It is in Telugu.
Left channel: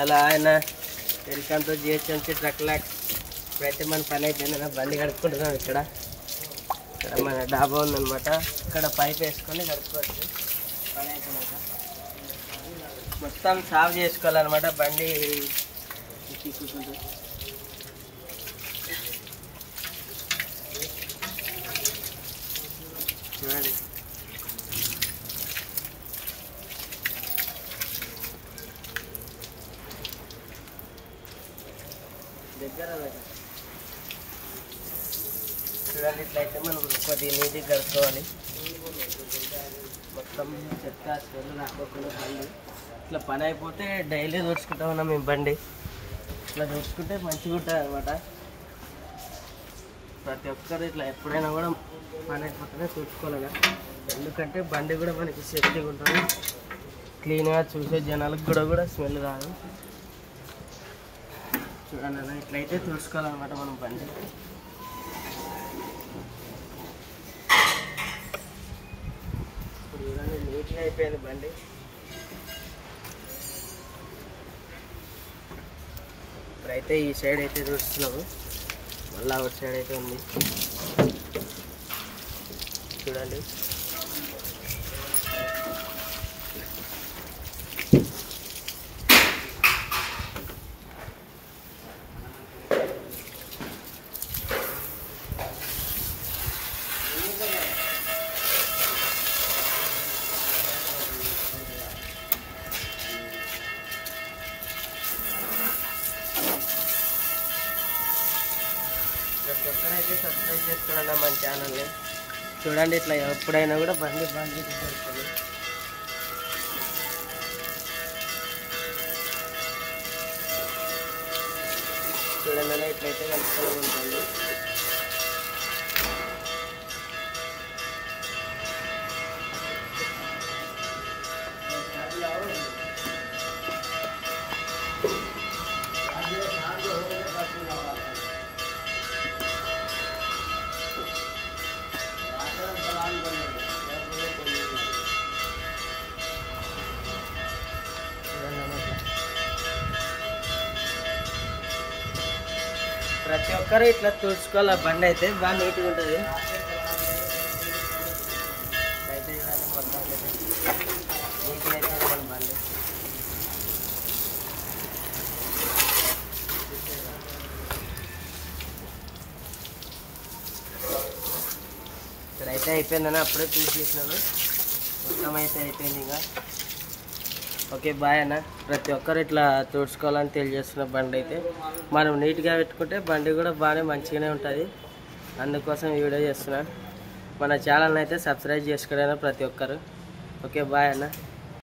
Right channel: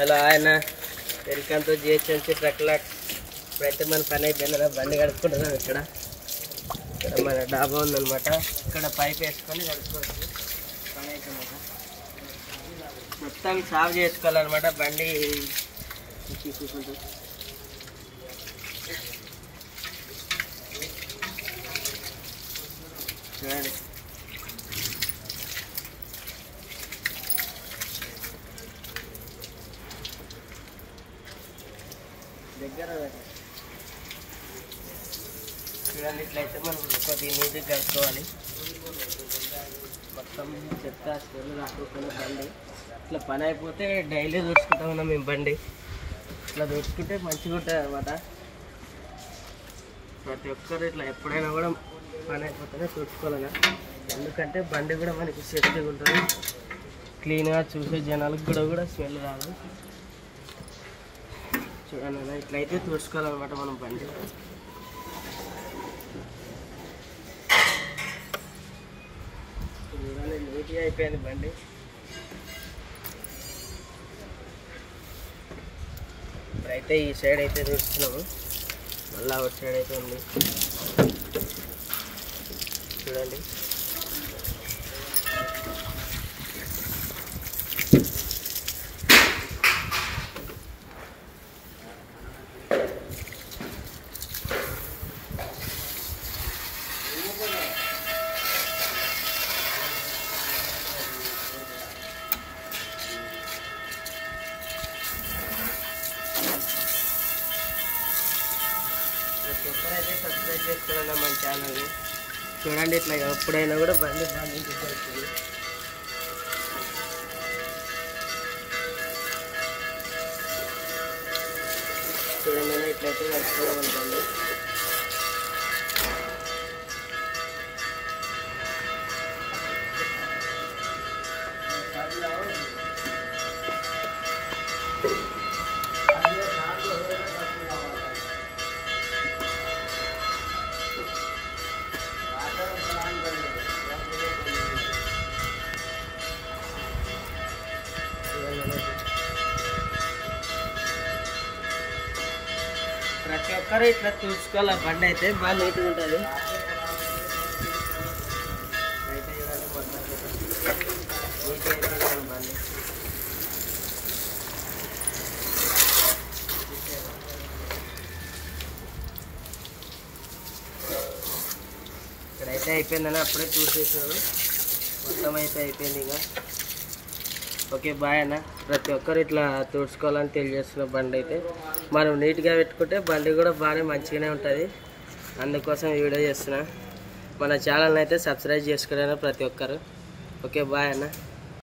హలో ఆయన welcome to GHMC truck lot. ఇప్పుడైతే మన పని అయిపోయింది, బండి కడుక్కుంటున్నాం. ఇక్కడ మన డాబా ఉందన్నమాట. ఇక్కడ పైప్ వేసుకొని కడుక్కోవచ్చు. పని అయిపోయినాక మొత్తం సాఫ్ చేసుకోవాలన్నమాట. బండి తీసుకుంటుంది చూడండి. దగ్గర చూడండి, ఇట్లయితే మనం కొద్దిగా నీట్గా కడుక్కోవాలి. మొత్తం చెత్త స్మెల్ రాకోకుండా బండి ఇట్లా పని అయిపోతే డైలీ తుడుచుకుంటా ఉన్నాం మేము. బండి ఇట్లా తుడుచుకుంటే మంచిగా ఉంటుంది అన్నమాట. ప్రతి ఒక్కరు ఇట్లా ఎప్పుడైనా కూడా పని అయిపోతేనే తుడుచుకోలేగా, ఎందుకంటే బండి కూడా మనకి సేఫ్టీగా ఉంటుంది. క్లీన్గా చూసే జనాలకు కూడా స్మెల్ రాదు. చూడండి, ఇట్లయితే తుడుచుకోవాలన్నమాట మనం బండి. చూడండి, నీట్గా అయిపోయింది బండి. ఇప్పుడైతే ఈ సైడ్ అయితే తుడుస్తున్నాము, మళ్ళీ అవుట్ సైడ్ అయితే ఉంది చూడండి. ఒక్కరైతే సబ్స్క్రైబ్ చేసుకోవడం మన ఛానల్ని. చూడండి, ఇట్లా ఎప్పుడైనా కూడా బండి వస్తుంది. చూడండి, ఇట్లయితే వస్తూ ఉంటుంది. ప్రతి ఒక్కరు ఇట్లా చూసుకోవాలి. బండి అయితే బాగా నీట్గా ఉంటుంది. ఇక్కడైతే అయిపోయిందని అప్పుడే చూసేసాను. మొత్తం అయితే అయిపోయింది. ఇంకా ఓకే, బాయ్ అన్న. ప్రతి ఒక్కరు ఇట్లా తుడుచుకోవాలని తెలియజేస్తున్న బండి అయితే మనం నీట్గా పెట్టుకుంటే బండి కూడా బాగానే మంచిగానే ఉంటుంది. అందుకోసం వీడియో చేస్తున్నా. మన ఛానల్ని అయితే సబ్స్క్రైబ్ చేసుకోవడానికి ప్రతి ఒక్కరు. ఓకే, బాయ్ అన్న.